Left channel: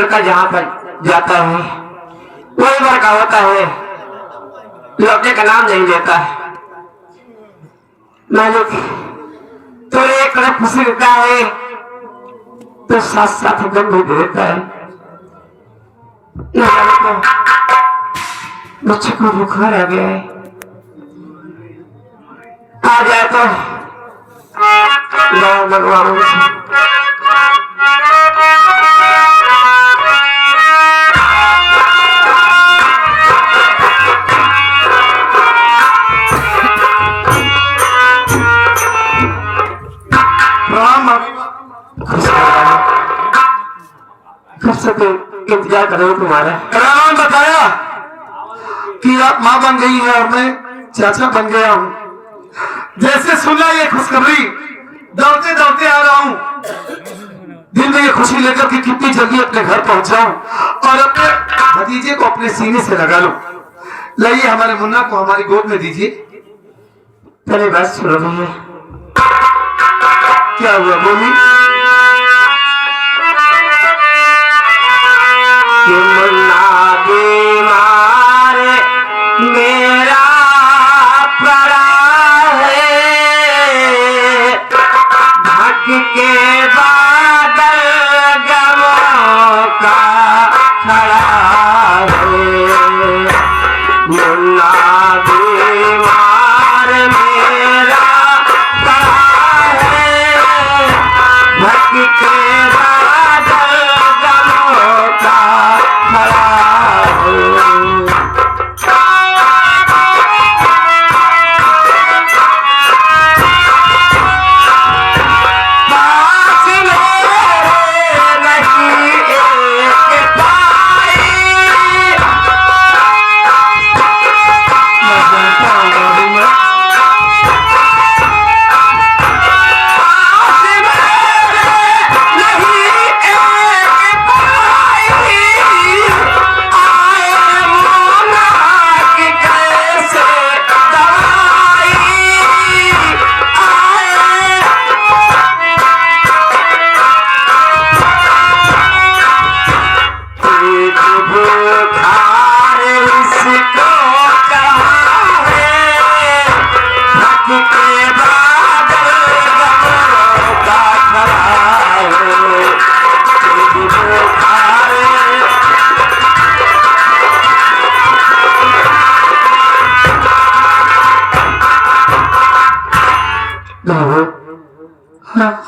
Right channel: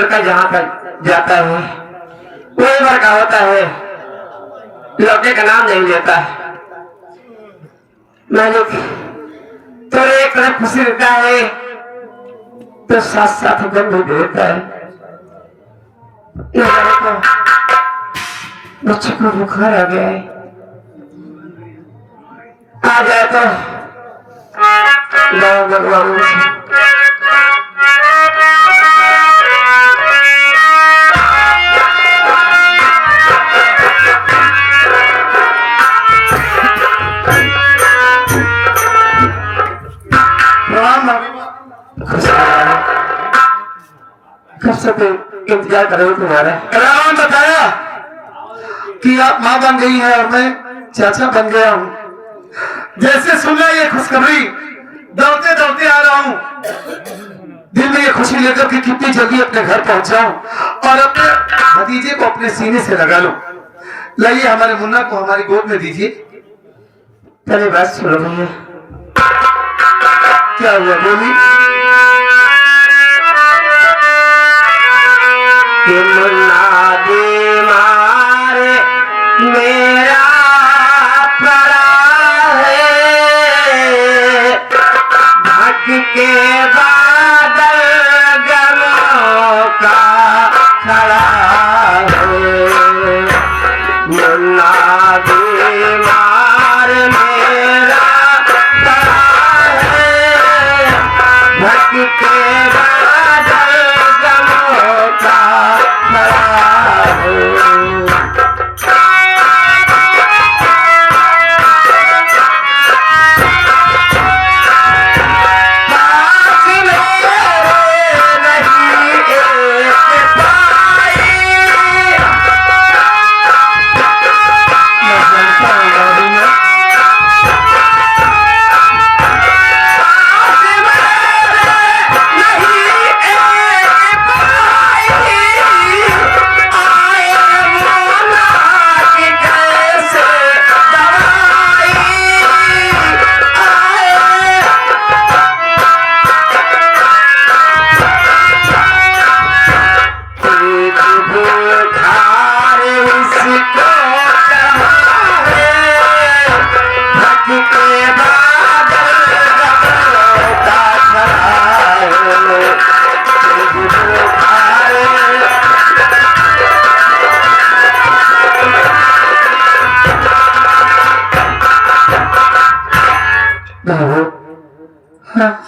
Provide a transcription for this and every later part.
लड़का जहाँ तक जाता है वही बार का होता है, लौटने का नाम नहीं लेता है। मालिक तो एक तरफ खुशी देता है तो साथ साथ गम भी देता है। बच्चे को बुखार आ गया है, आ जाए तो भगवान कब से इंतजार कर रहे हो तुम्हारे। राम बताया कि आप माँ बन गई हैं और मैं चाचा बन गया हूँ। जैसे सुना ये खुशखबरी दौड़ते दौड़ते आ रहा हूँ, दिल में ये खुशी लेकर कि कितनी जल्दी अपने घर पहुंच जाऊं और अपने भतीजे को अपने सीने से लगा लूं। लाइए हमारे मुन्ना को हमारी गोद में दीजिए। पहले बात सुनो भैया, क्या हुआ बोली। मुन्ना बीमार मेरा पड़ा है, ढक के बादल गमों का खड़ा है। मुन्ना बीमार मेरा पड़ा है, ढक के बादल गमों का खड़ा है।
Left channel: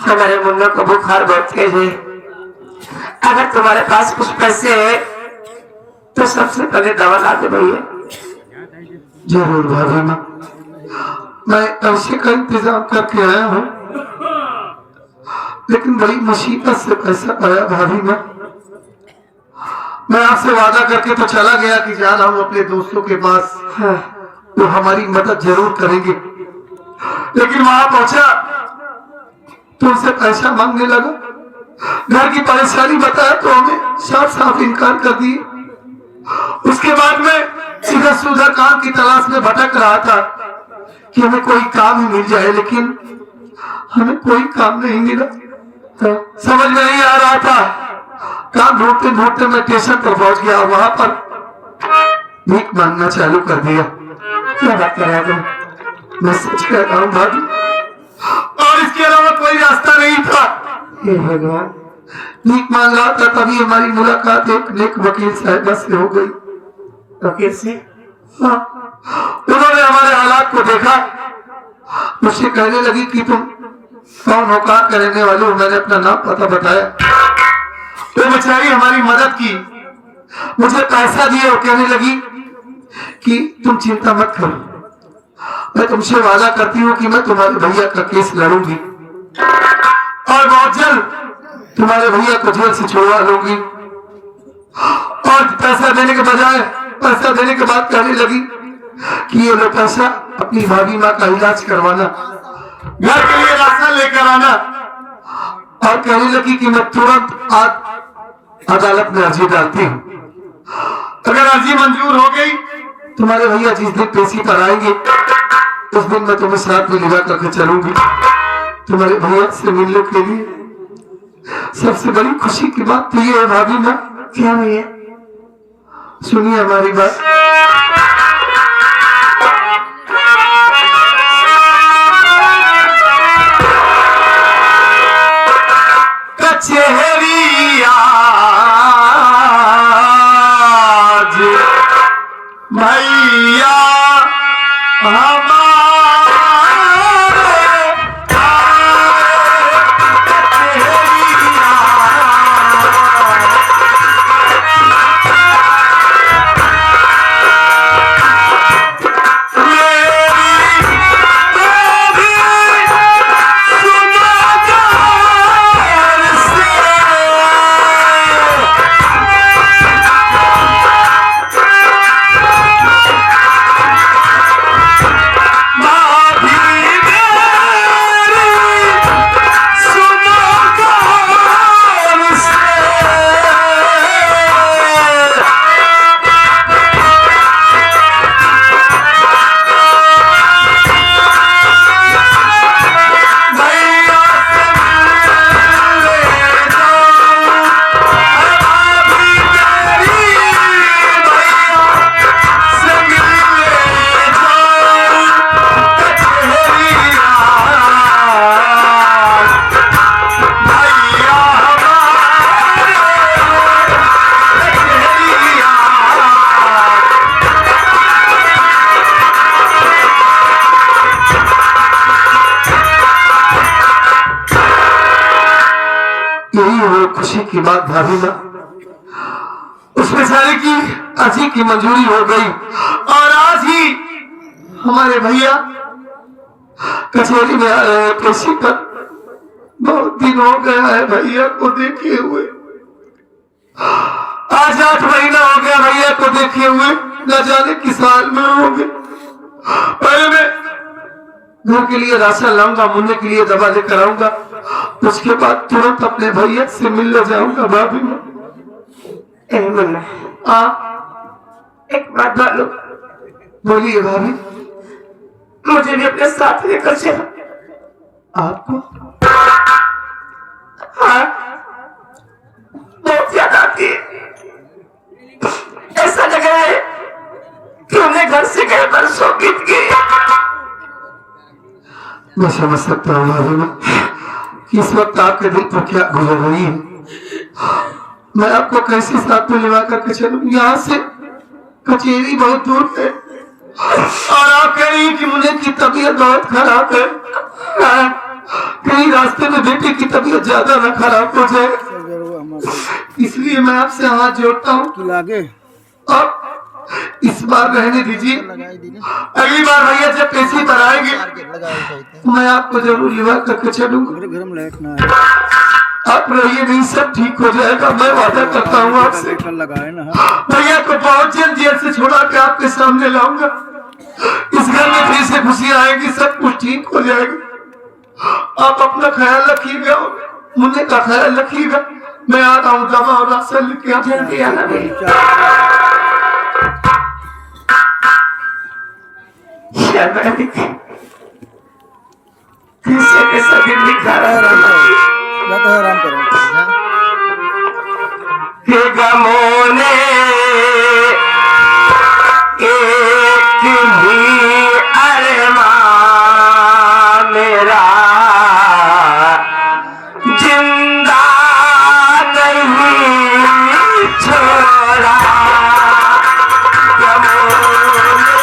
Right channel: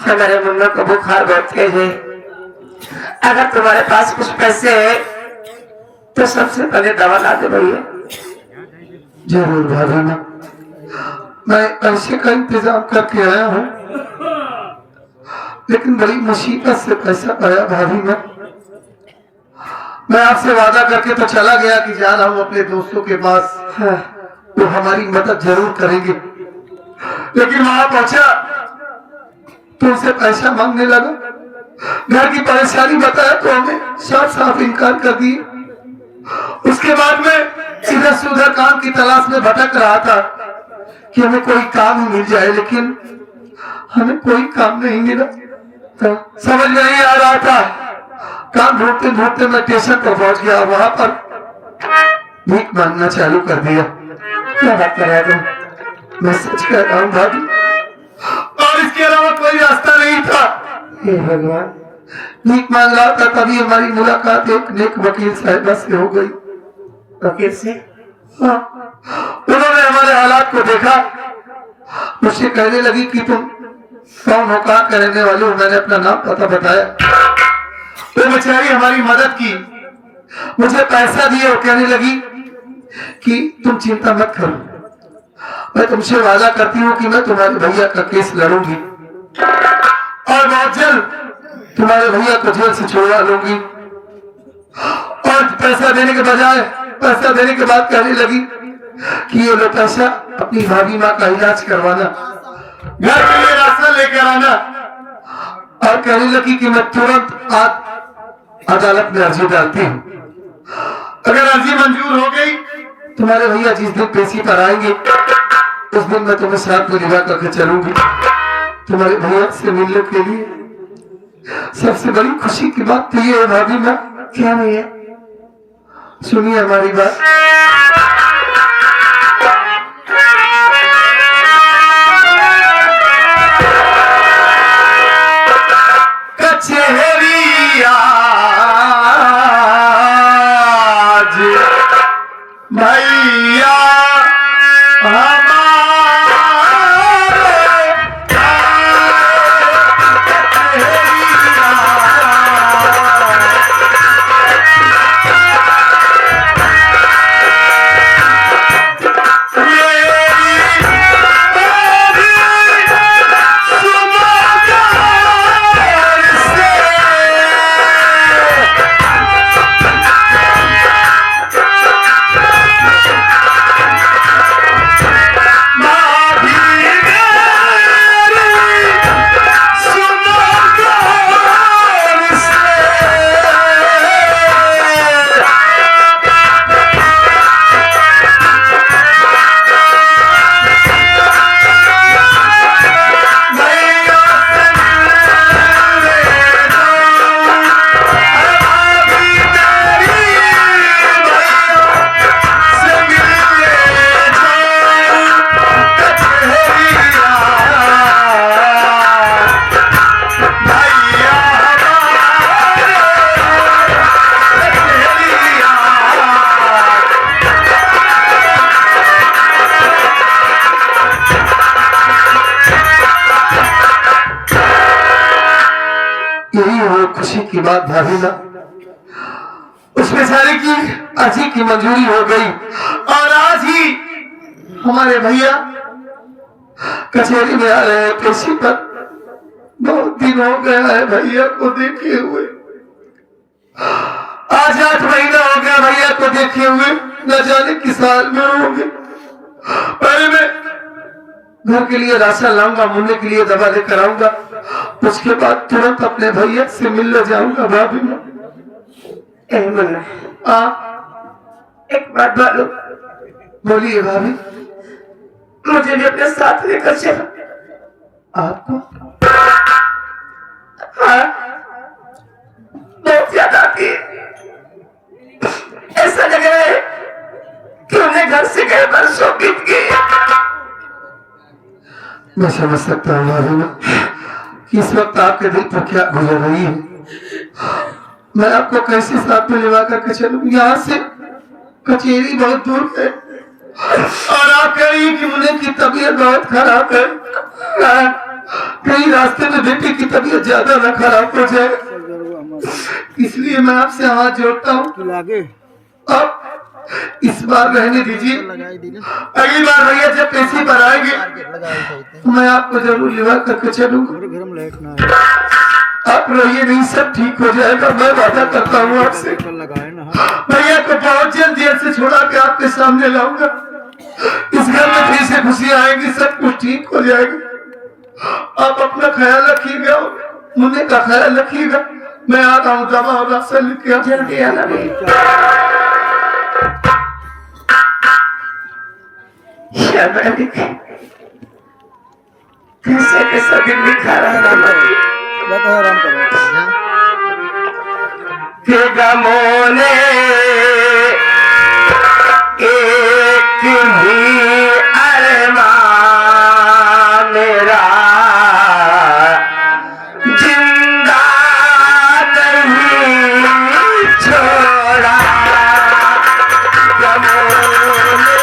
हमारे मुन्ना को बुखार बहुत तेज है, अगर तुम्हारे पास कुछ पैसे है तो सबसे पहले दवा ला दे भैया। जरूर भाभी माँ, मैं पैसे का इंतजाम करके आया हूँ, लेकिन बड़ी मुसीबत से पैसा आया भाभी माँ। मैं आपसे वादा करके तो चला गया कि जा रहा हूँ अपने दोस्तों के पास, हाँ। वो हमारी मदद जरूर करेंगे, लेकिन वहां पहुंचा तो उनसे पैसा मांगने लगा। घर की परेशानी बताया तो हमें साफ साफ इनकार कर दिए। उसके बाद में इधर से उधर काम की तलाश में भटक रहा था कि हमें कोई काम ही मिल जाए, लेकिन हमें कोई काम नहीं मिला। तो समझ में नहीं आ रहा था, काम ढूंढते ढूंढते मैं स्टेशन पर पहुंच गया, वहां पर भीख मांगना चालू कर दिया। क्या बात कर रहे हो तुम? मैं सच कह रहा हूँ भाभी, और इसके अलावा कोई रास्ता नहीं था। हे भगवान, भीख मांग रहा था, तभी हमारी मुलाकात एक नेक वकील साहिबा से हो गई। वकील से? हाँ, उन्होंने हमारे हालात को देखा, मुझसे कहने लगी कि तुम कौन हो, कहाँ के रहने वाले हो। मैंने अपना नाम पता बताया, वो बेचारी हमारी मदद की, मुझे पैसा दिया और कहने लगी कि तुम चिंता मत करो, मैं तुमसे वादा करती हूँ कि मैं तुम्हारे भैया का केस लड़ूंगी और बहुत जल्द तुम्हारे भैया को जेल से छुड़वा लूंगी। और पैसा देने के बजाय, पैसा देने के बाद कहने लगी कि ये लो पैसा, अपनी भाभी माँ का इलाज करवाना, घर के लिए राशन लेकर आना। और कहने लगी कि मैं तुरंत आज अदालत में अर्जी डालती हूँ, अगर अर्जी मंजूर हो गई, तुम्हारे भैया जिस दिन पेशी पर आएंगे उस दिन मैं तुम्हें साथ में लिवा करके चलूंगी तुम्हारे भैया से मिलने के लिए। सबसे बड़ी खुशी की बात तो ये है भाभी माँ क्या भैया? सुनिए हमारी बात। कचहरी आज भैया हमारे यही हो खुशी की बात भाभी ना, उस बेचारे की अर्जी की मंजूरी हो गई और आज ही हमारे भैया कचहरी में आ रहे हैं पेशी पर। बहुत दिन हो गया है भैया को देखे हुए, आज 8 महीना हो गया भैया को देखे हुए, न जाने किस हाल में होंगे। पहले मैं घर के लिए राशन लाऊंगा, मुन्ने के लिए दवा लेकर आऊंगा, उसके बाद तुरंत अपने भैया से मिलने जाऊंगा भाभी में। एक बात बोलो। बोलिए भाभी। मुझे भी अपने साथ लेकर चलो। आपको? हाँ, बहुत याद आती है। ऐसा लग रहा है कि उन्हें घर से गए बरसों बीत गए। मैं समझ सकता हूँ भाभी में कि इस वक्त आपके दिल पर क्या गुजर रही है। मैं आपको कैसे साथ में लेवा करके चलूं? यहाँ से कचहरी बहुत दूर है और आप कह रही कि मुन्ने की तबीयत बहुत खराब है। कहीं रास्ते में बेटी की तबीयत ज्यादा ना खराब हो जाए, इसलिए मैं आपसे हाथ जोड़ता हूँ। अब इस बार रहने दीजिए, अगली बार भैया जब पेशी पर आएंगे मैं आपको जरूर लेवा करके चलूंगा। आप रहिए, नहीं सब ठीक हो जाएगा, मैं वादा करता हूँ आपसे। भैया को बहुत जल्द जेल से छोड़ा के आपके सामने लाऊंगा। इस घर में फिर से खुशियाँ आएंगी, सब कुछ ठीक हो जाएगा। आप अपना ख्याल रखिएगा, मुन्ने का ख्याल रखिएगा। मैं आ रहा हूँ, दवा और राशन लेके आप जल्दी आना। कैसे कैसा दिन दिखा रहा के गमों ने एक भी अरमान मेरा जिंदा नहीं छोड़ा। गमों ने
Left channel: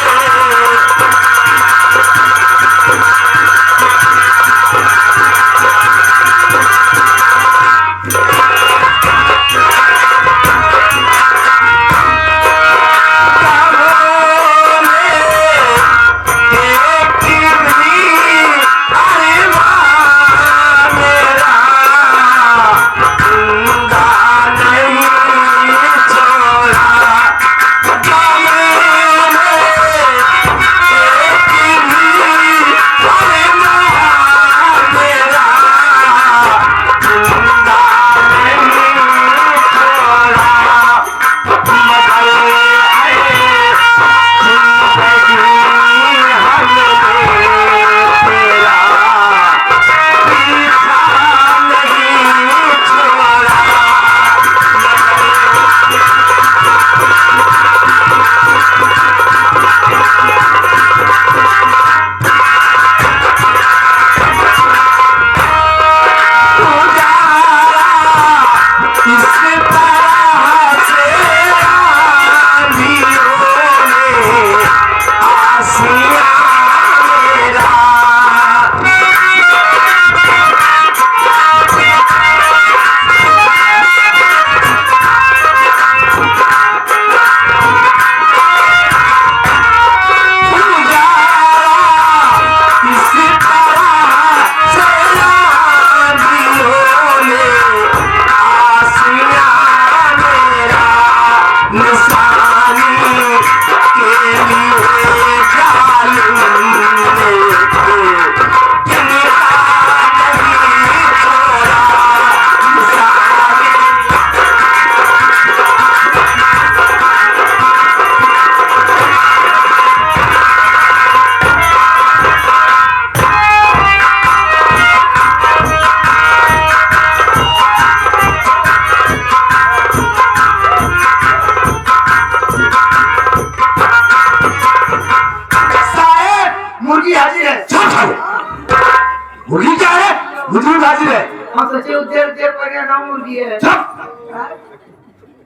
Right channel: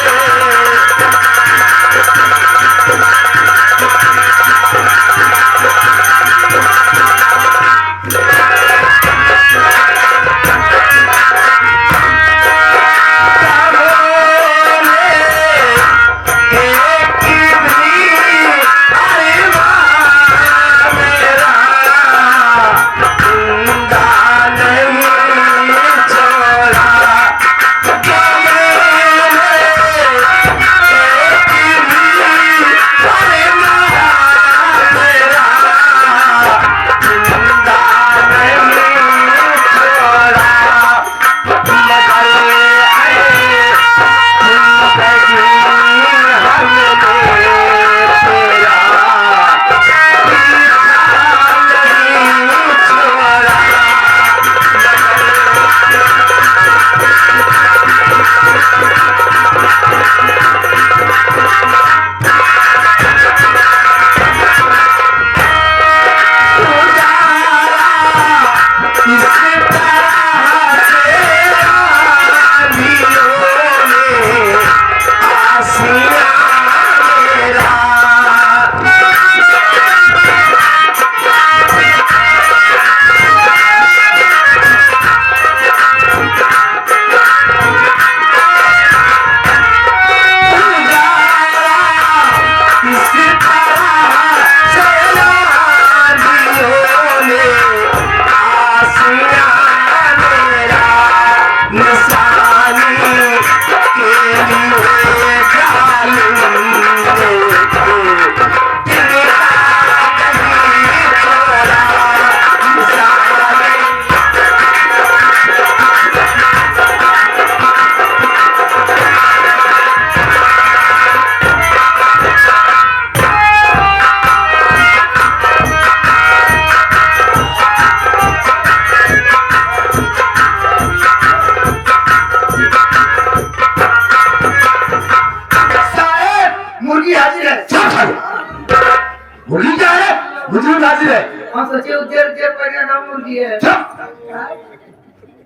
मुझे भी हाजिर है। हम सोचे उधर उधर परिणाम मुर्गी है। चुप।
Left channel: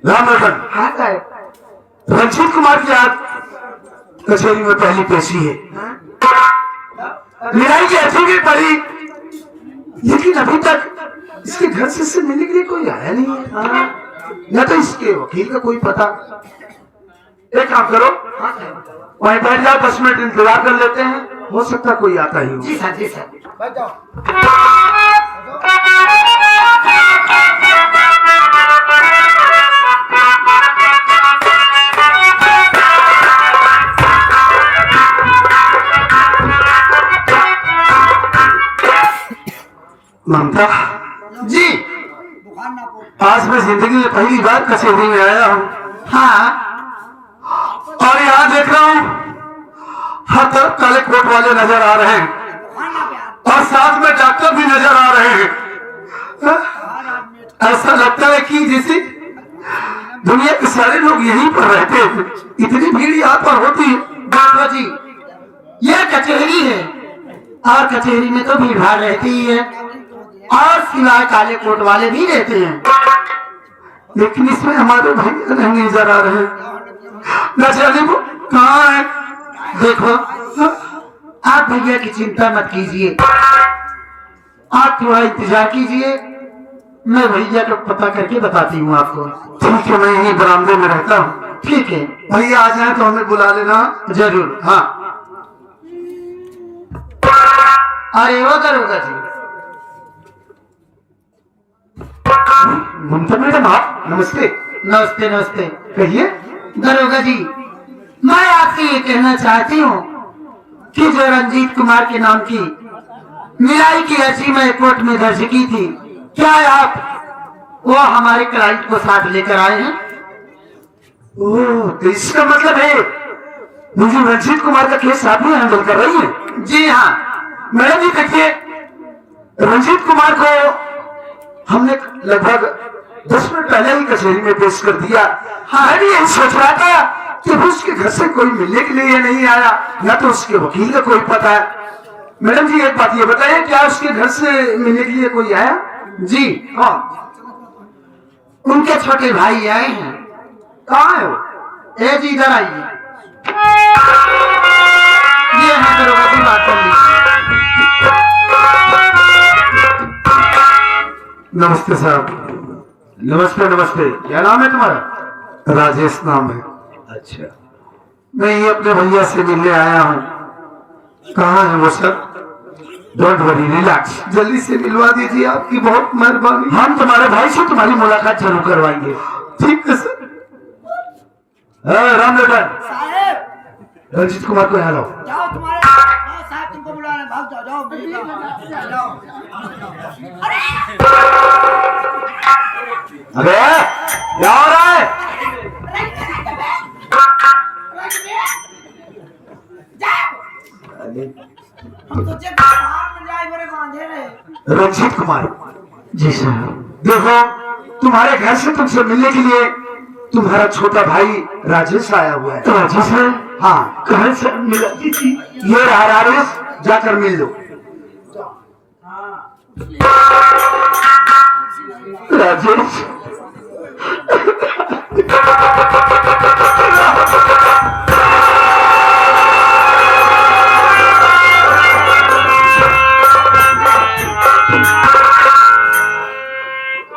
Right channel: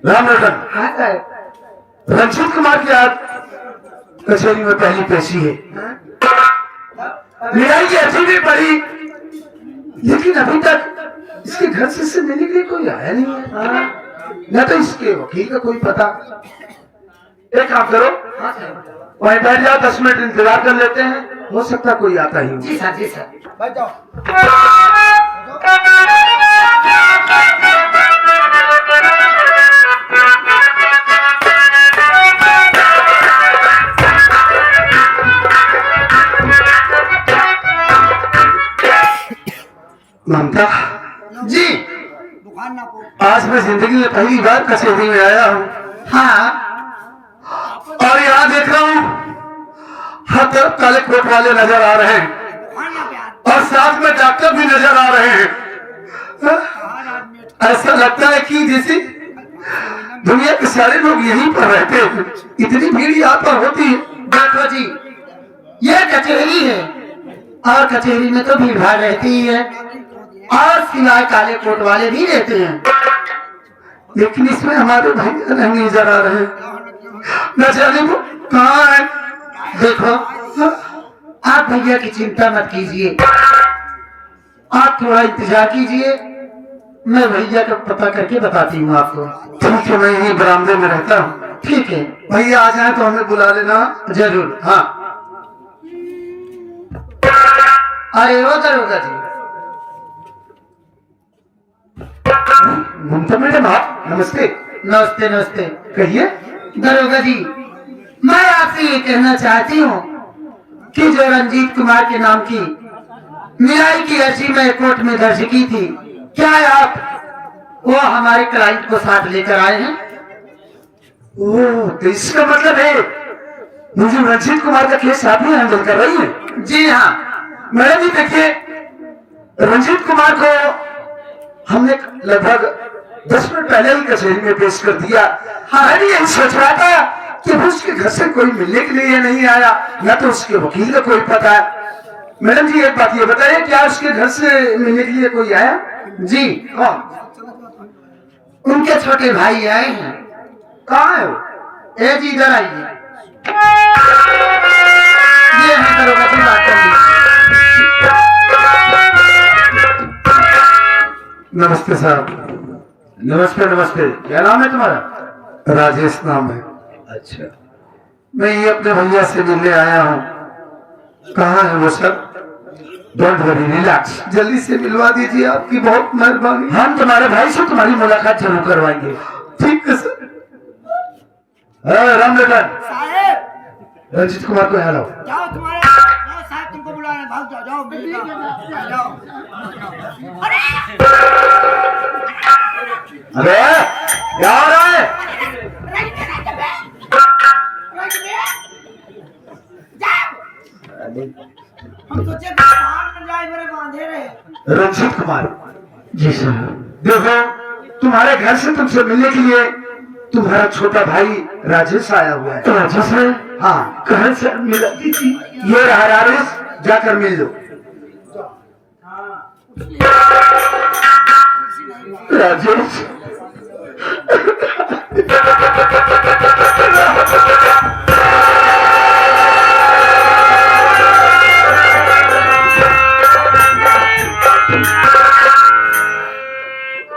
राम रतन, हाँ साहब। रंजीत कुमार की आज कचहरी में पहली पेशी है। मिलाई की अर्जी भी पड़ी, लेकिन अभी तक इसके घर से इससे मिलने के लिए कोई आया नहीं है। न तो इसके वकील का कोई पता। एक काम करो, वहीं बैठ जाओ, 10 मिनट इंतजार कर लेते हैं, हो सकता है कोई आता ही हो। जी सर, जी सर। बैठ जाओ। ममता जी, बुखार ना पो। आज मैं जिंदगी में पहली बार कचहरी में आया हूँ। हाँ और यहाँ देख रहा हूँ हर तरफ काले कोट वाले नजर आ रहे हैं, बुखार ना प्यार। और साथ में डॉक्टर भी नजर आ रहे हैं। ऐसा लगता है कि जैसे दुनिया के सारे लोग यहीं पर रहते हैं, इतनी भीड़ यहाँ पर होती है। देखो जी, यह कचहरी है और कचहरी में तो भीड़ भाड़ रहती ही है, और सिवाय काले कोट वाले भी रहते हैं। लेकिन इसमें हमारे भैया नहीं नजर आ रहे हैं, न जाने वो कहाँ है। देखो, आप भैया की चिंता मत कीजिए, आप थोड़ा इंतजार कीजिए, मैं भैया का पता करके बताती हूँ आपको। ठीक है, मैं यहीं बरामदे में रहता हूँ। ठीक है, भैया आ जाए तो हमें बुला लेना। जरूर। हाँ, अरे वो करोगा जी। ममता मैडम, आप नमस्ते। नमस्ते नमस्ते। कहिए। दरोगा जी, मैं आपसे ये कहना चाहती हूँ कि जो रंजीत कुमार के नाम की मिलाई की अर्जी मैं कोर्ट में दर्ज की थी, क्या आप वो हमारे क्लाइंट को साथ लेकर आए हैं? ओह, तो इसका मतलब है मुझे रंजीत कुमार का केस आप ही हैंडल कर रही है? जी हाँ। मैडम जी देखिए, रंजीत कुमार को हमने लगभग 10 मिनट पहले ही कचहरी में पेश कर दिया। हाँ, मैं भी यही सोच रहा था कि उसके घर से कोई मिलने के लिए नहीं आया, न तो उसके वकील का कोई पता है। मैडम जी एक बात ये बताइए, क्या उसके घर से मिलने के लिए कोई आया? जी कौन? उनके छोटे भाई आए हैं। कहाँ है वो? ए जी, इधर आइए। ये है दरोगा जी, बात कर लीजिए। नमस्ते साहब। नमस्ते नमस्ते। क्या नाम है तुम्हारा? राजेश नाम है। अच्छा, मैं ये अपने भैया से मिलने आया हूँ। कहाँ है वो सर? Don't worry, relax. जल्दी से मिलवा दीजिए, आपकी बहुत मेहरबानी। हम तुम्हारे भाई से तुम्हारी मुलाकात जरूर करवाएंगे। ठीक है सर। राम रतन, साहेब, रंजीत कुमार को यहाँ लाओ। जाओ तुम्हारे जाओ, साहब तुमको बुला रहे हैं, भाग जाओ, जाओ मेरे साथ, जाओ। अरे अबे क्या हो रहा है? हम सोचे बाहर में जाए, बड़े बांधे रहे। रंजीत कुमार, जी सर। देखो तुम्हारे घर से तुमसे मिलने के लिए तुम्हारा छोटा भाई राजेश आया हुआ है। राजेश है? हाँ, कहाँ से मिला दीजिए? ये रहा राजेश, जाकर मिल लो। राजेश,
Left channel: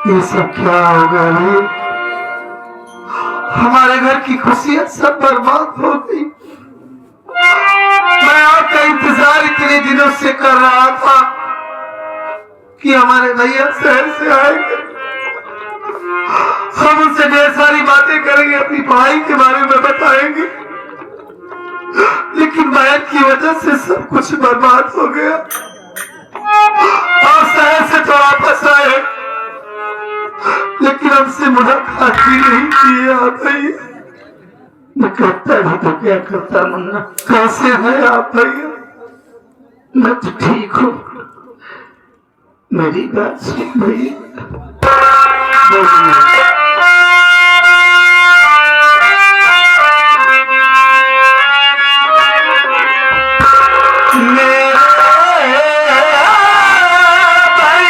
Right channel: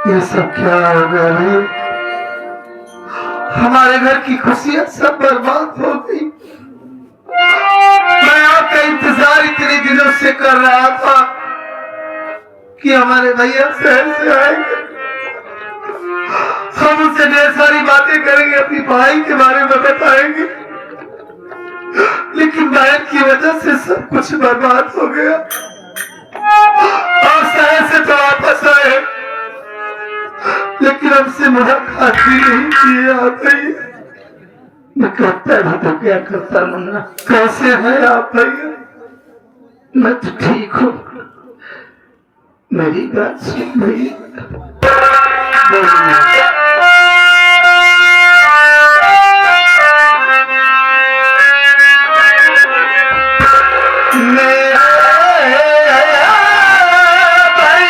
ये सब क्या हो गया भाई? हमारे घर की खुशियां सब बर्बाद हो गई। मैं आपका इंतजार इतने दिनों से कर रहा था कि हमारे भैया शहर से आएंगे, हम उनसे ढेर सारी बातें करेंगे, अपनी पढ़ाई के बारे में बताएंगे, लेकिन बहन की वजह से सब कुछ बर्बाद हो गया। आप शहर से तो वापस आए, लेकिन हमसे मुलाकात भी नहीं किए आप भैया। मैं कहता भी तो क्या करता मुन्ना। कैसे हैं आप भैया? मैं तो ठीक हूँ, मेरी बात सुन भैया। बोलिए। मेरे भैया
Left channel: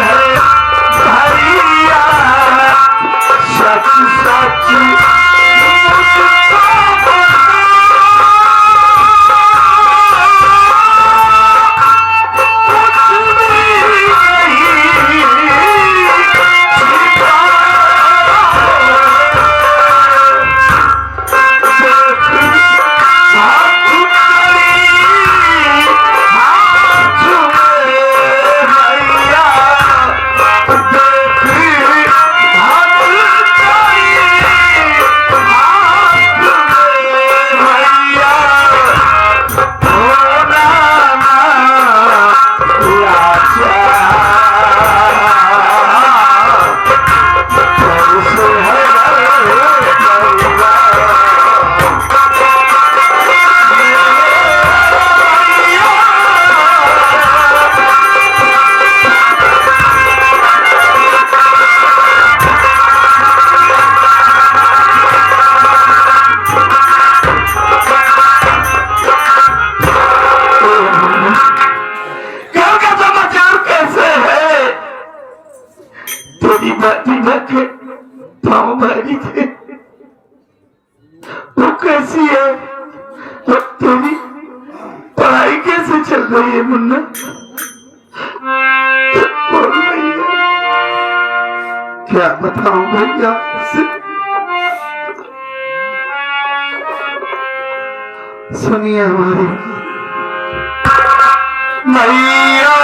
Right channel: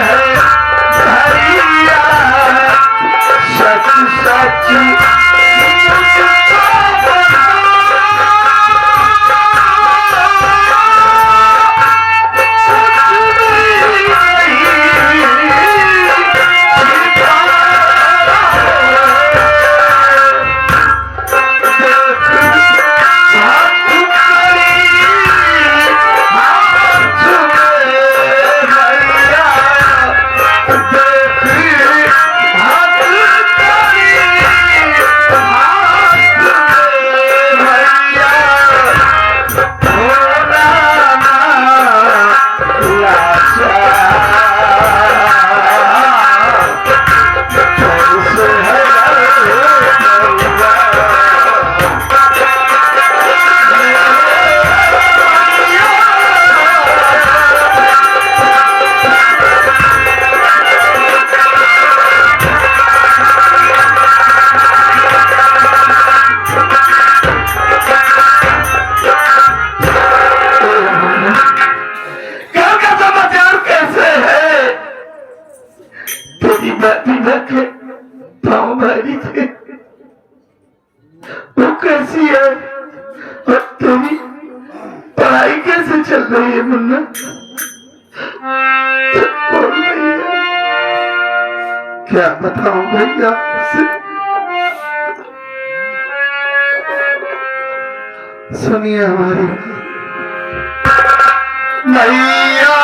है भैया सच सच मुझको बता, कुछ भी नहीं के पाँव भारी थे, वो कैसी है और तेरी पढ़ाई कैसे चल रही है मुन्ना? बोल भैया, क्या बताऊं भैया से? सुनिए हमारी मैया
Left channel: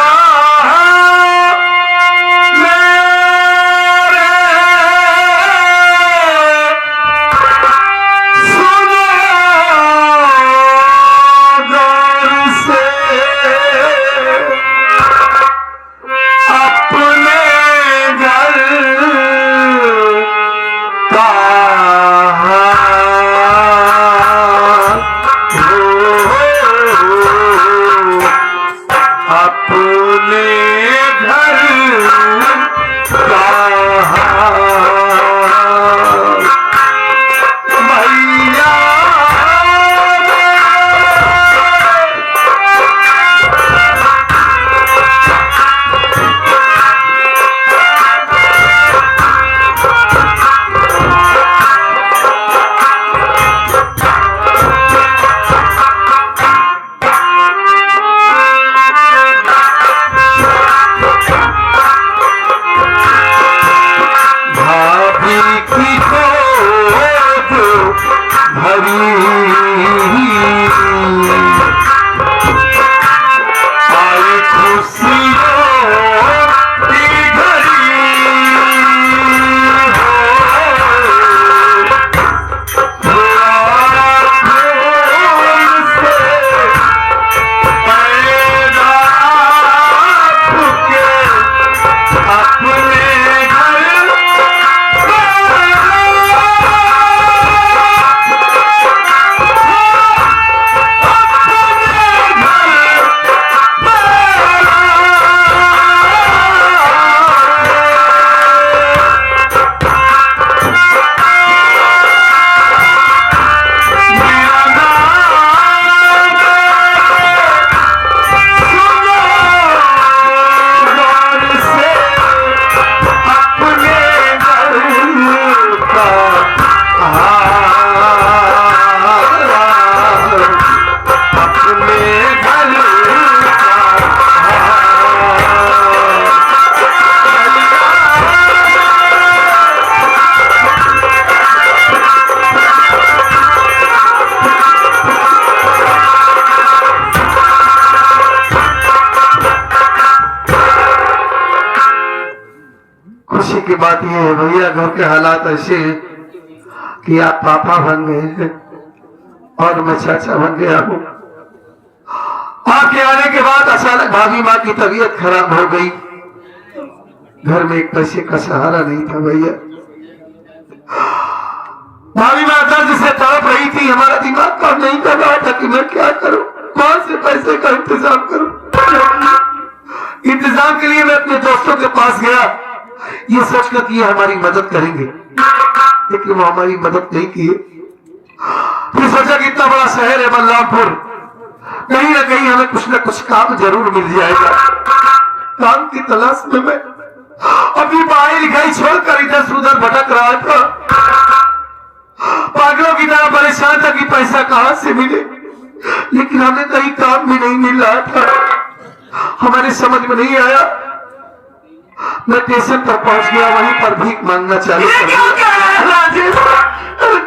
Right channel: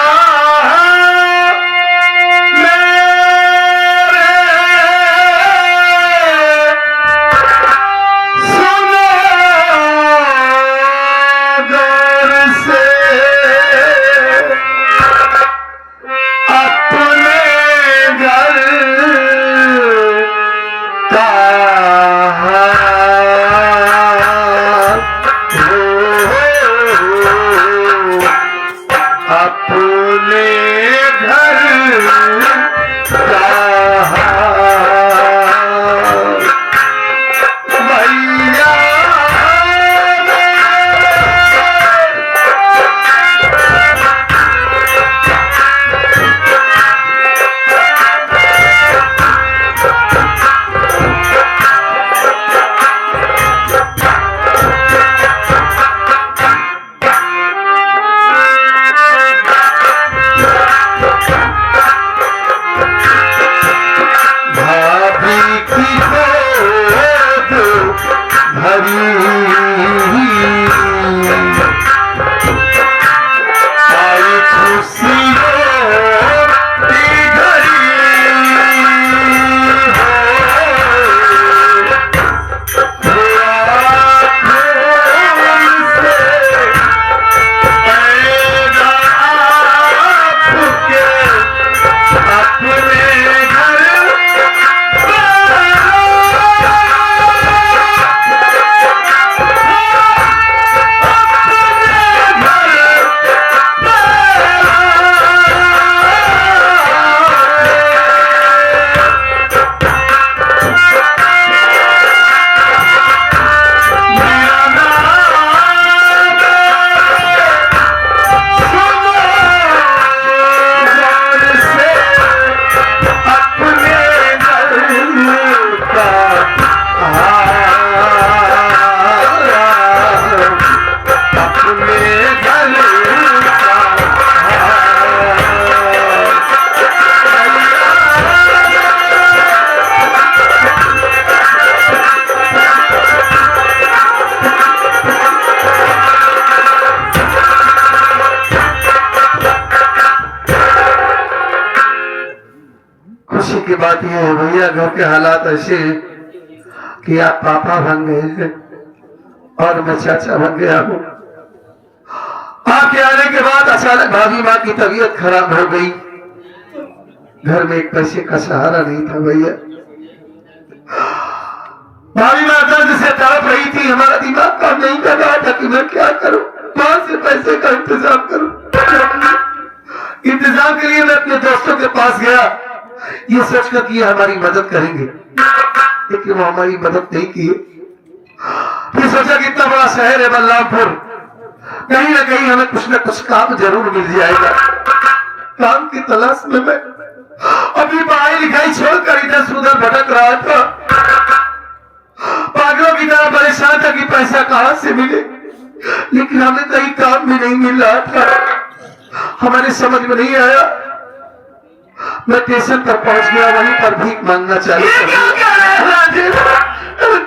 खुशी की बात यह है भैया, घर के हालात ऐसे हैं कि आप पापा बन गए हैं और मैं चाचा बन गया हूँ। आपके आने के बाद अचानक भाभी माँ की तबीयत खराब हो गई। घर में एक पैसे का सहारा नहीं था भैया। भाभी माँ दर्द से तड़प रही थी। हमारा दिमाग काम नहीं कर रहा था कि मैं क्या करूं, कौन से पैसे का इंतजाम करूं। इंतजाम के लिए मैं अपने दोस्तों के पास गया, ये सोचकर कि ये हमारी मदद करेंगे, लेकिन वो हमारी मदद नहीं किए। फिर सोचा कि इतना बड़ा शहर है बलरामपुर, कहीं ना कहीं हमें कुछ ना कुछ काम जरूर मिल जाएगा। काम की तलाश में मैं अपनी पढ़ाई लिखाई छोड़कर इधर से उधर भटक रहा था। पागलों की तरह परेशान था कि पैसा कहां से मिले, लेकिन हमें कहीं काम भी नहीं मिल रहा था। हमारे समझ में नहीं आया। मैं स्टेशन पर पहुंच गया, वहीं पर भीख मांगना चालू कर दिया।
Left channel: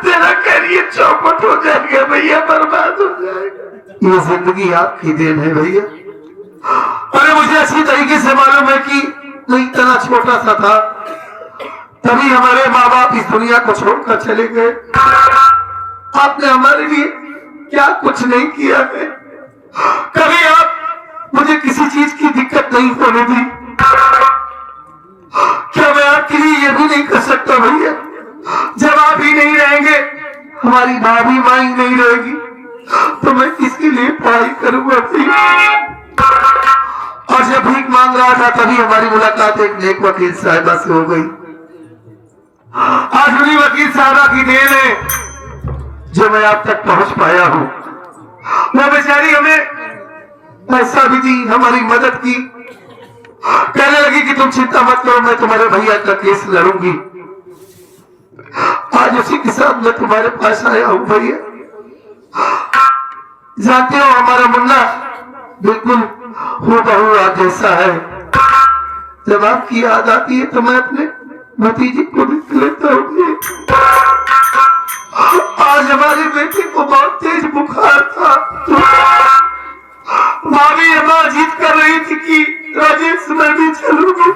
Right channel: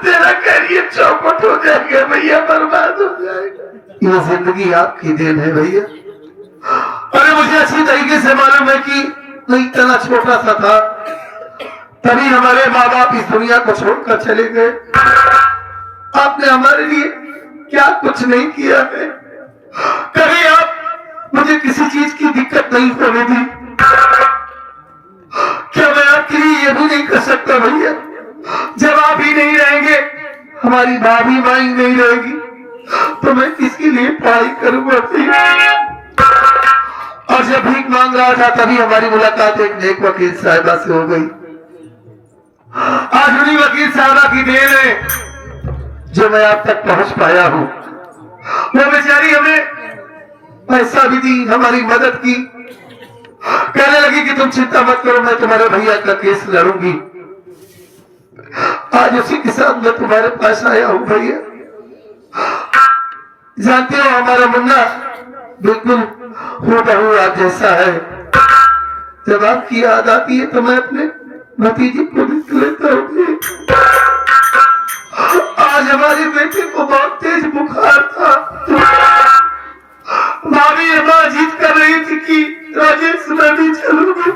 तेरा कैरियर चौपट हो जाएगा भैया, बर्बाद हो जाएगा। ये जिंदगी आपकी देन है भैया। अरे मुझे अच्छी तरीके से मालूम है कि मैं इतना छोटा सा था, तभी हमारे माँ बाप इस दुनिया को छोड़कर चले गए। आपने हमारे लिए क्या कुछ नहीं किया है। कभी आप मुझे किसी चीज की दिक्कत नहीं होने दी। क्या मैं आपके लिए ये भी नहीं कर सकता भैया, जब आप ही नहीं रहेंगे, हमारी भाभी माँ ही नहीं रहेगी, तो मैं किसके लिए पढ़ाई करूंगा भैया। और जब भीख मांग रहा था तभी हमारी मुलाकात एक नेक वकील साहिबा से हो गई। आज उन्हीं वकील साहिबा की देन है जो मैं आप तक पहुंच पाया हूं। वो बेचारी हमें पैसा भी दी, हमारी मदद की, कहने लगी कि तुम चिंता मत करो, मैं तुम्हारे भैया का केस लड़ूंगी। आज उसी के साथ मैं तुम्हारे पास आया हूं भैया। जानते हो हमारा मुन्ना बिल्कुल हूबहू आप जैसा है। जब आपकी याद आती है तो मैं अपने भतीजे को देख लेता हूँ। आज हमारे बेटे को बहुत तेज बुखार था, भाभी अम्मा जिद कर रही थी कि राजेश मैं भी चलूंगी।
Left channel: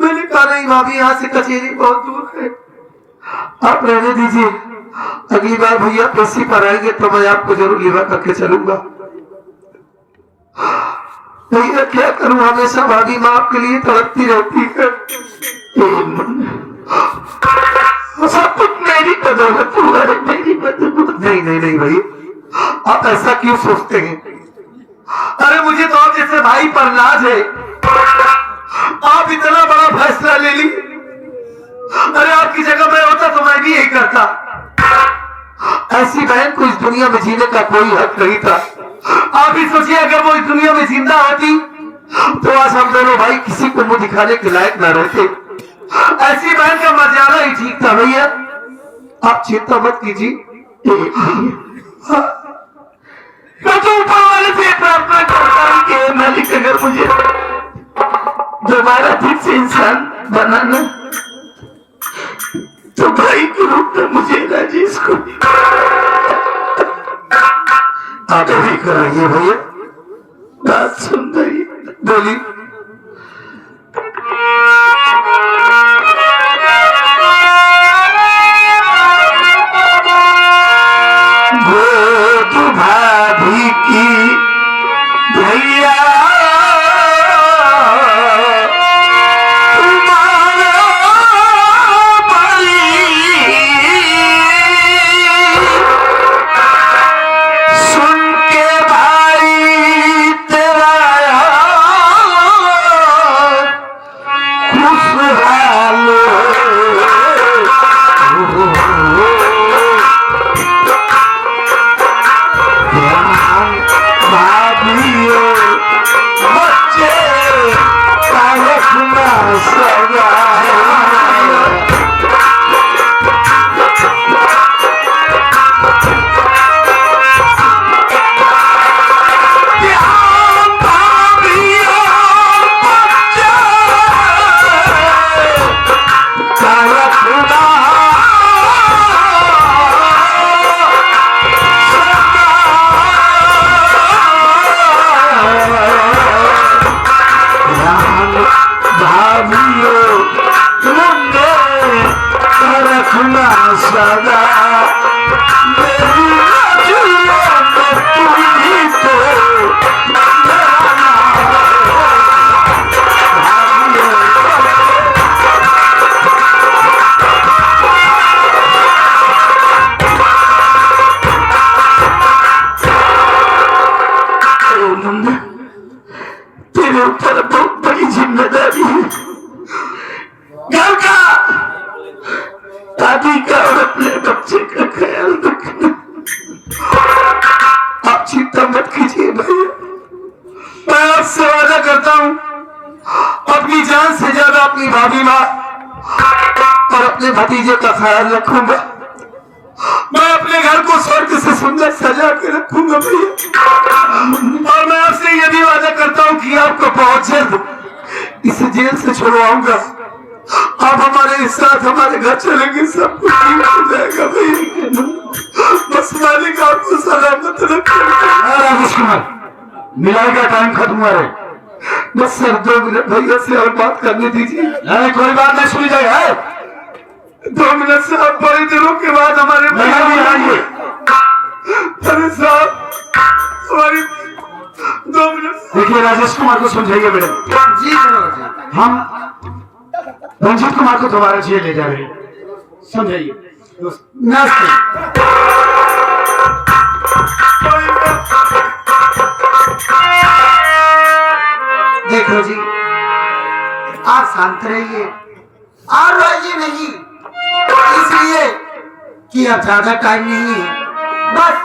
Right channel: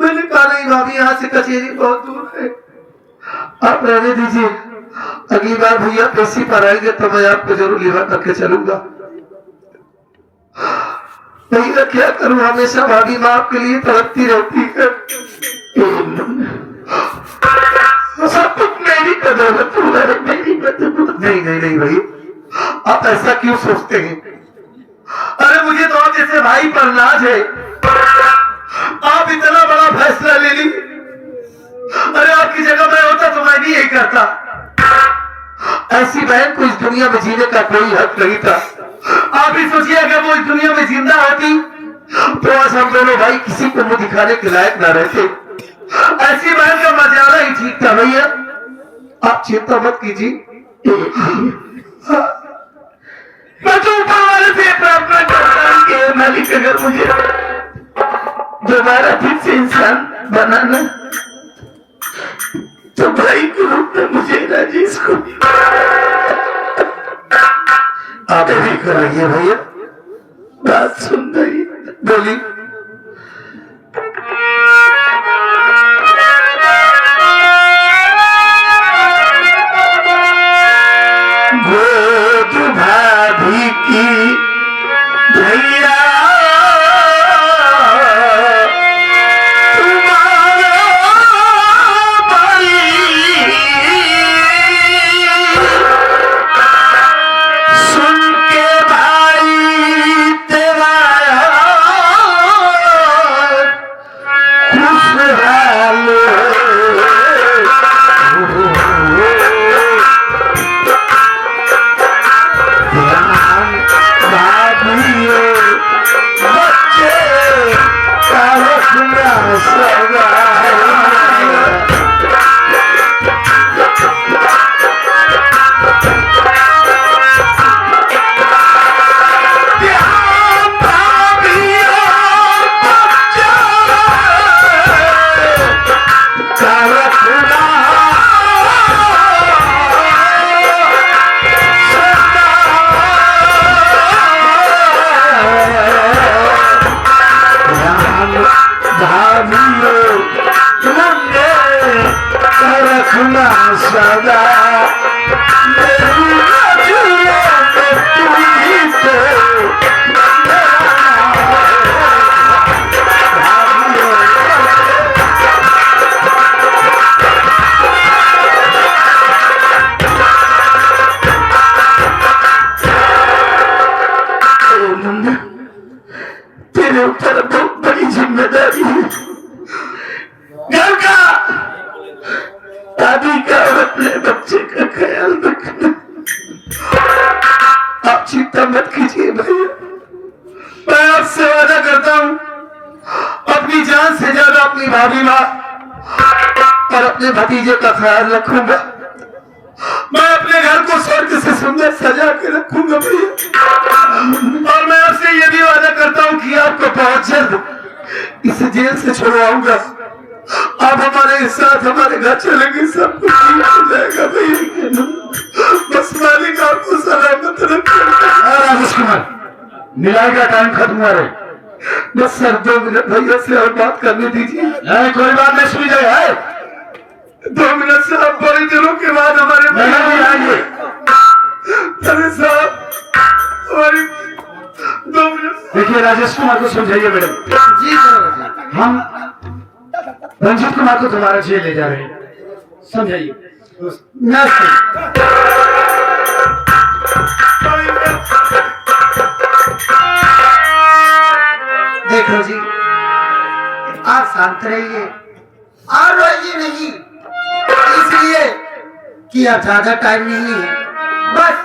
मैंने कहा नहीं भाभी, यहाँ से कचेरी बहुत दूर है, आप रहने दीजिए। अगली बार भैया पेशी पर आएंगे तो मैं आपको जरूर लिवा करके चलूंगा। भैया क्या करूं, हमेशा भाभी माँ आपके लिए तड़पती रहती है। सब कुछ मेरी बदौलत हुआ है, मेरी बदौलत। नहीं नहीं नहीं भैया, आप ऐसा क्यों सोचते हैं। अरे मुझे तो आप जैसे भाई पर नाज है, आप इतना बड़ा फैसला ले ली। अरे आपकी जगह मैं होता तो मैं भी यही करता। ऐसी बहन को इस दुनिया में जीने का कोई हक नहीं था। आप ही सोचिए अगर वो इस दुनिया में जिंदा होती तो आज हम दोनों भाई किसी को मुंह दिखाने के लायक ना रहते। ऐसी बहन का मर जाना ही ठीक था भैया, आप चिंता मत कीजिए। मैं तो ऊपर वाले से प्रार्थना करता हूँ कि मालिक अगर मुझे दोबारा फिर से इंसान बनाना तो भाई के रूप में मुझे राजेश को आप भी कराइए भैया। बात सुन रही बोली। गोद भाभी की भैया सदा मेरी नजरों में तू ही तो मुन्ना, तेरे ऊपर बहुत बड़ी जिम्मेदारी है। घर का, दादी का और अपने बच्चे का ख्याल रखना। आप चिंता मत कीजिए भैया, मैं आपसे वादा करता हूँ अपनी जान से ज्यादा अपनी भाभी माँ और अपने भतीजे का ख्याल रखूंगा। मैं अपने घर को स्वर्ग से सुंदर सजा के रखूंगा भैया। और मैं आपसे ये भी वादा करता हूँ कि आपको बहुत जल्द इस जेल से छुड़वाऊंगा। आप हमारे साथ हमारे घर चलेंगे, सब कुछ ठीक हो जाएगा भैया। बस मालिक आपको सलामत रखे। राजेश कुमार, मिलाई का टाइम खत्म हुआ है। बस सर 2 मिनट भैया से और बात करने दीजिए। नहीं, कोई बात नहीं, सुनी जाए है। 2 मिनट से आप बड़ी दिनों के बाद हमारे नहीं आइए। अरे साहब हमारी 2 मिनट। देखिए राजेश कुमार को समझाइए मैडम। जी सर। हम रंजीत कुमार को दोबारा जेल ले जा रहे हैं, समझाइए। देखो जी, आप शांत रहिए और रोइए नहीं, इसलिए कि अब ज्यादा टाइम नहीं है। बस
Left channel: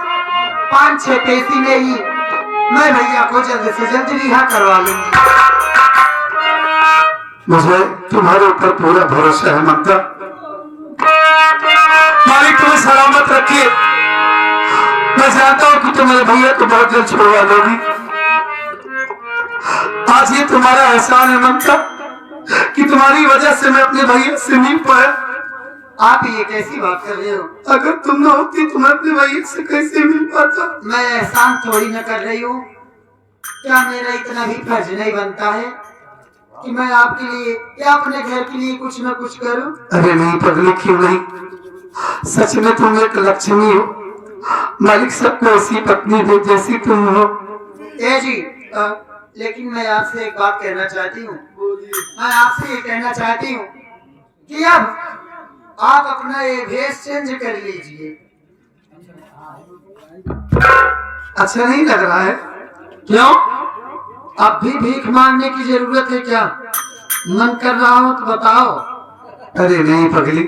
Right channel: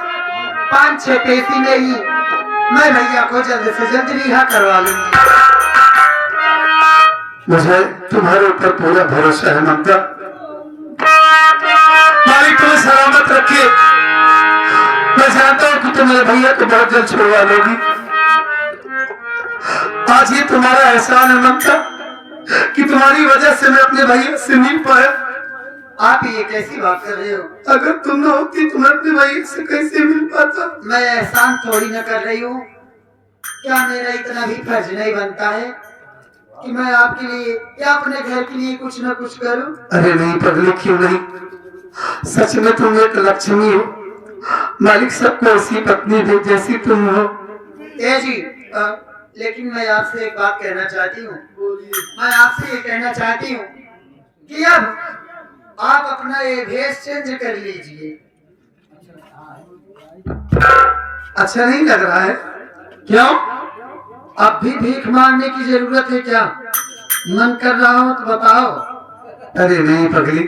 5-6 पेशी में ही मैं भैया को जल्द से जल्द रिहा करवा लूंगी। मुझे तुम्हारे ऊपर पूरा भरोसा है ममता। मालिक तुम्हें सलामत रखिए। मैं जानता हूँ कि तुम मेरे भैया को बहुत जल्द छुड़वा लोगी। आज ये तुम्हारा एहसान है ममता कि तुम्हारी वजह से मैं अपने भैया से मिल पाया। आप ये कैसी बात कर रहे हो? अगर तुम न होती तो मैं अपने भैया से कैसे मिल पाता? मैं एहसान थोड़ी न कर रही हूँ। क्या मेरा इतना भी फर्ज नहीं बनता है कि मैं आपके लिए या अपने घर के लिए कुछ न कुछ करूं? अरे नहीं पगली, क्यों नहीं। सच में तुम एक लक्ष्मी हो। मालिक सबको ऐसी पत्नी दे जैसी तुम हो। ए जी, लेकिन मैं आपसे एक बात कहना चाहती हूँ। मैं आपसे ये कहना चाहती हूँ कि अब आप अपना ये भेष चेंज कर लीजिए। अच्छा नहीं लग रहा है? क्यों? अब भी भीख मांगने की जरूरत है क्या? मन कर रहा हो तो बताओ। अरे नहीं पगली,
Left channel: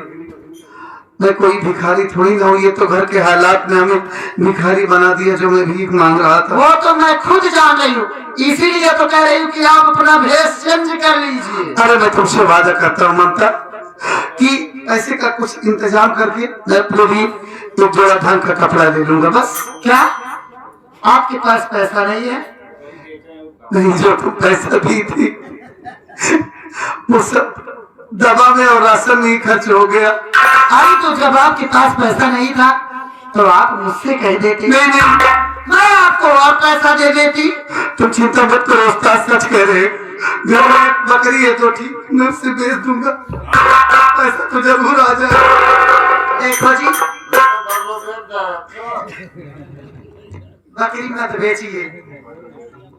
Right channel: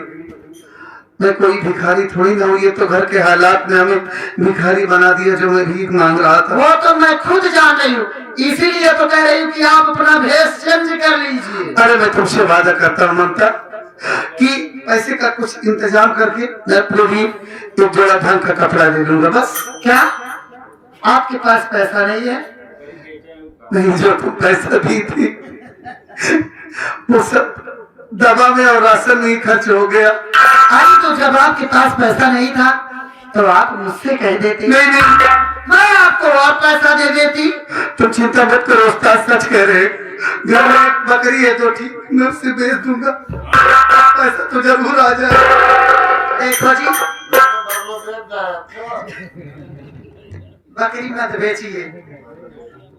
मैं कोई भिखारी थोड़ी ना हूँ। ये तो घर के हालात ने हमें भिखारी बना दिया जो मैं भीख मांग रहा था। वो तो मैं खुद जान रही हूँ, इसीलिए तो कह रही हूँ कि आप अपना भेष चेंज कर लीजिए। अरे मैं तुमसे वादा करता हूँ ममता कि पैसे का कुछ इंतजाम करके मैं अपने लिए एक जोड़ा ढंग का कपड़ा ले लूंगा। बस। क्या आपके पास पैसा नहीं है? नहीं, जो तुम पैसा दी थी वो सब दवा में और राशन में ही खर्च हो गया। अरे तो जब आपके पास पैसा नहीं था तो आप मुझसे कह देते। नहीं, मैं आपको और पैसा दे देती। तुम चिंता मत करो उस्ताद, सच कह रहे हैं। घर में एक बकरी है तो ठीक, मैं उससे बेच दूंगा, पैसा तो जरूर आ जाए। देखो जी, बकरी मत बेचिए,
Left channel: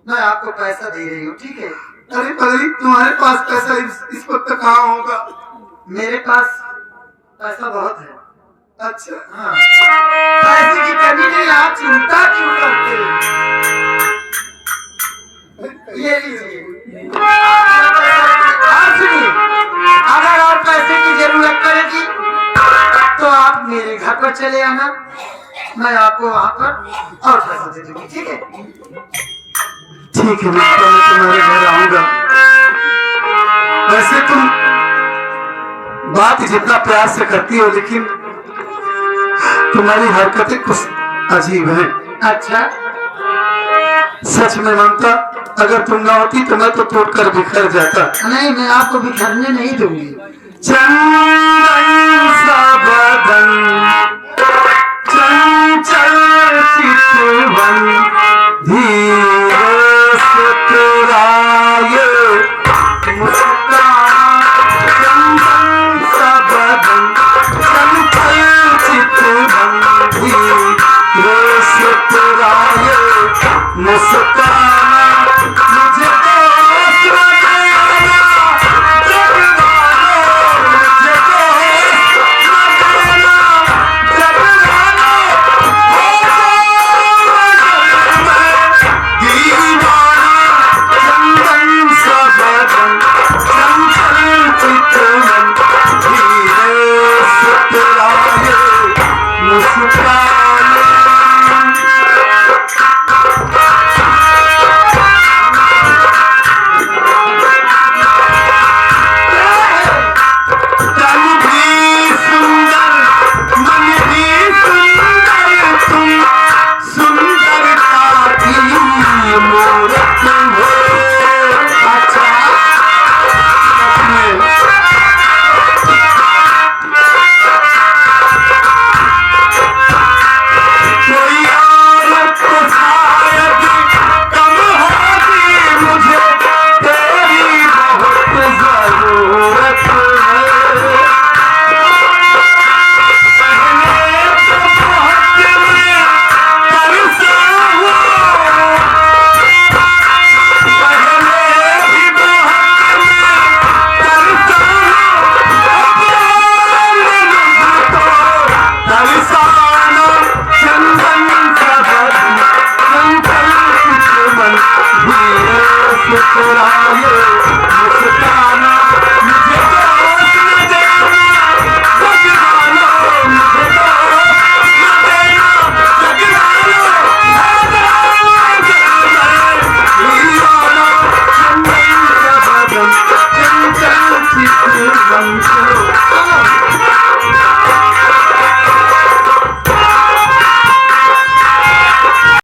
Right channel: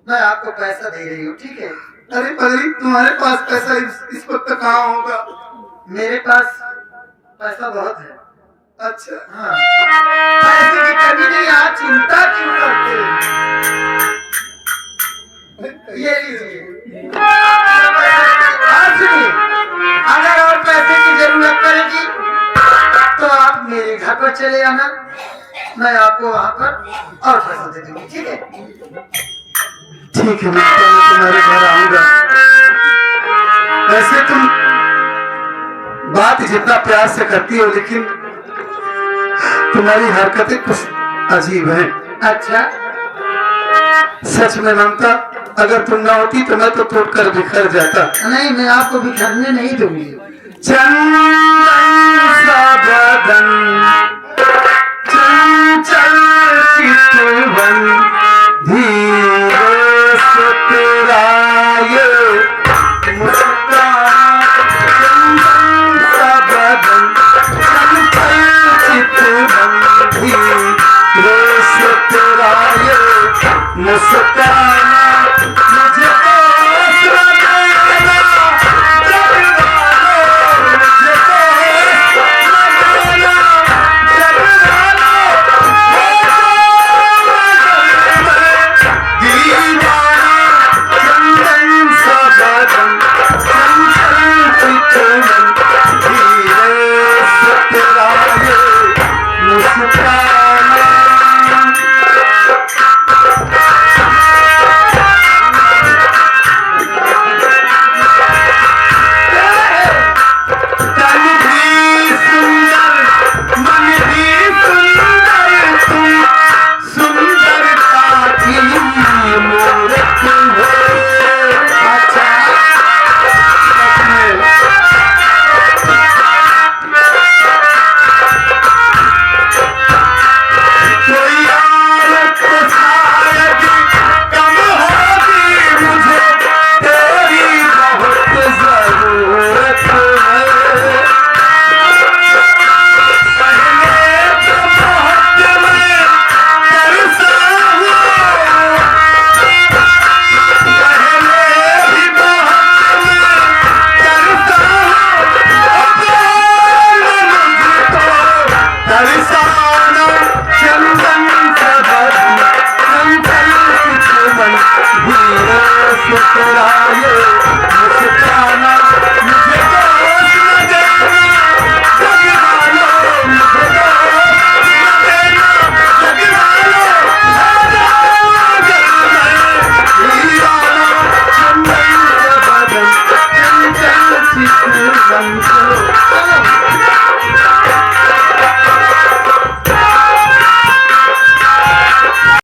मैं आपको पैसा दे रही हूँ, ठीक है? अरे पगली, तुम्हारे पास पैसा इस वक्त कहाँ होगा? मेरे पास पैसा बहुत है। अच्छा हाँ, पैसे की कमी नहीं, आप चिंता क्यों करते हैं? ये लीजिए। आप सुनिए, अगर और पैसे की जरूरत पड़ेगी तो आप मेरे घर पर चले आना, मैं आपको वहाँ पर और पैसा दे दूंगी, ठीक है? ठीक है, मैं तुम्हारे घर आऊंगा। वैसे तुम बात जितना प्यार से करती हो लेकिन तुम्हारी हरकतें कुछ अजीब हैं। अच्छा, सच में ममता, अगर तुम ना होती तो मैं तो टूटकर बिखर जाता। नहीं, मैं आपको बिखरने नहीं दूंगी। चंदन सा बदन, चंचल चितवन, धीरे से तेरा ये मुस्कान। चंदन सा बदन, चंचल चितवन, धीरे से तेरा ये मुस्कान। मुझे तो आसरा देना जगवानो, मुझे तो आसरा देना जगवानो, हो जाओ मैं दीवाना। चंदन सा बदन, चंचल चितवन, धीरे से तेरा ये मुस्कान। बन चलो